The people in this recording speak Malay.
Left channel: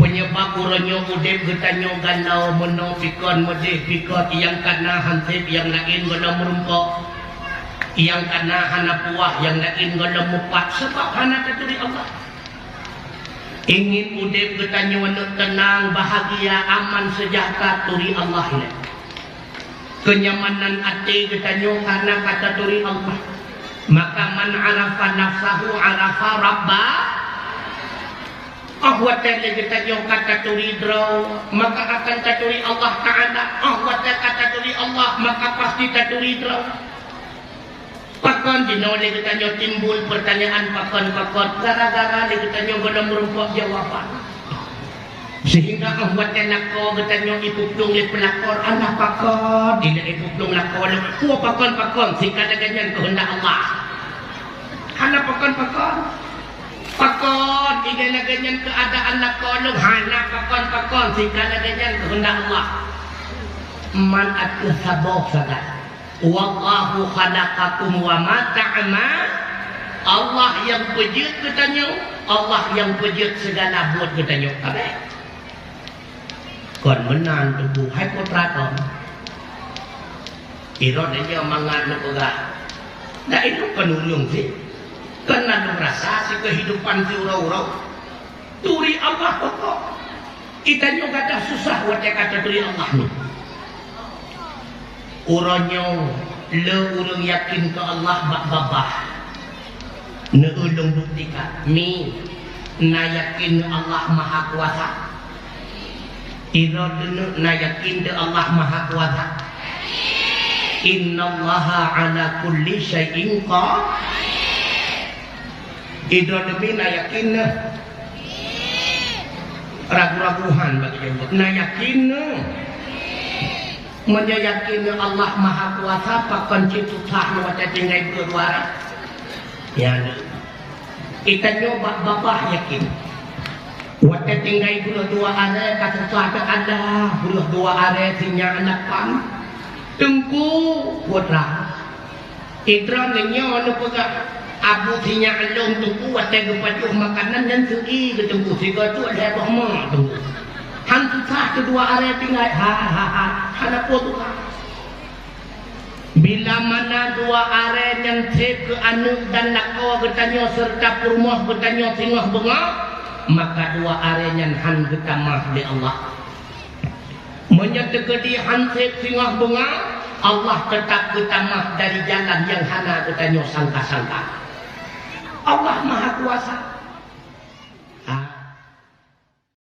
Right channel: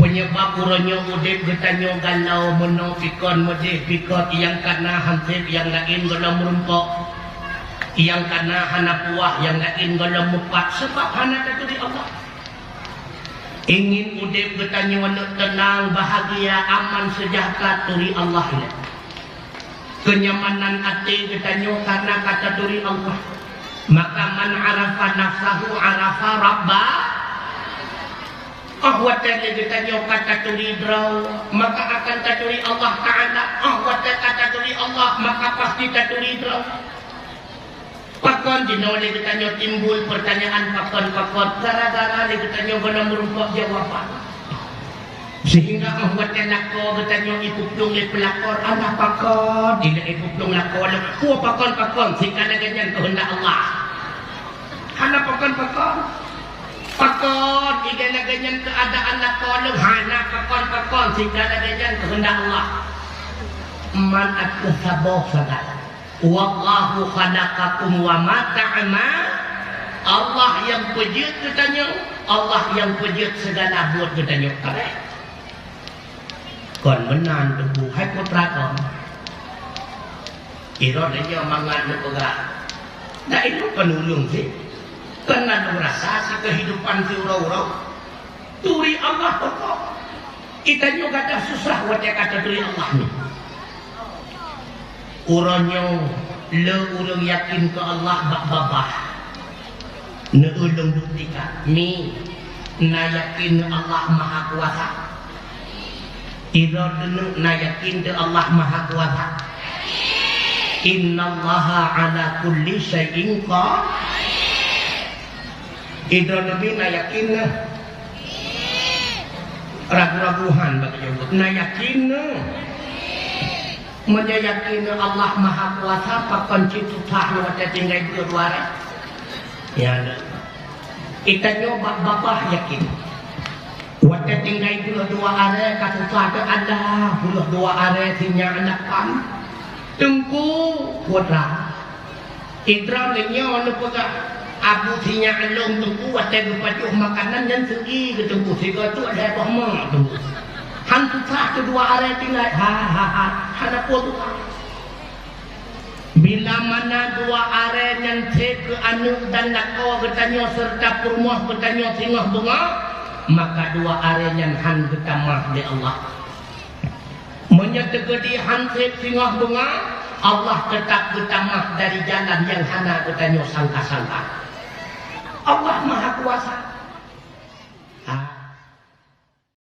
penyebab uronyo udip getanyo galau meno pikon medih pikot yang kana hansip yang lain golong merumpok yang kana hana puah yang lain golong mupak sebab hana dari Allah. Ingin udip getanyo tenang bahagia aman sejahtera turi Allah. Kenyamanan hati getanyo karena kata turi Allah. Maka man arafa nafsahu arafa rabba. Ahwatan kita jauh kata turi draw, maka akan taturi Allah Ta'ala. Ahwatan kata turi Allah, maka pasti taturi draw. Pakon dinoleh kita jauh timbul pertanyaan pakon-pakon. Gara-gara kita jauh guna merumpok jawaban. Sehingga ahwatan lako kita jauh ipuplung di pelakor. Anak pakon, tidak ipuplung lako. Kuah pakon-pakon, sehingga ada ganyan kehendak Allah. Anak pakon-pakon. Pakon, igana ganyan keadaan lakolong hana pakon segala ganyan kehendak Allah. Man at-sabaw sadat. Wallahu khalaqakum wa ma ta'mal. Allah yang pejut bertanya, Allah yang pejut segala buat bertanya. Kon menang tebu hai putra kon. Iro dia mangan lepega. Nah itu penulung sih. Karena merasa si kehidupan si urau-urau turi Allah pokok kita juga tak susah wajah kata turi Allah uronyo le urung yakin ke Allah bak babah ne ulung buktikan mi na yakin Allah maha kuasa iro denu na yakin ke Allah maha kuasa innallaha ala kulli syai'in qadir. Idra lebih na yakin ragu-raguhan bagi jemput. Na yakin menyayakin Allah Maha Kuasa pakan citu sahnu ada tinggal kedua. Ya, kita coba bapak yakin. Waktu tinggal dua are kata ada ada dua are sinya anak pam. Tengku putra. Idra lenya ono pegang. Abu sinya alung tunggu ada berpacu makanan dan segi ke tunggu sehingga tu ada rahmah tunggu hantu sah kedua area tinggal ada foto bila mana dua area yang ke anu dan lakau bertanya serta permoh bertanya singah bunga maka dua area yang han bertamah di Allah menyertegedi hansip singah bunga Allah tetap bertamah dari jalan yang hana bertanya sangka-sangka Allah Maha Kuasa.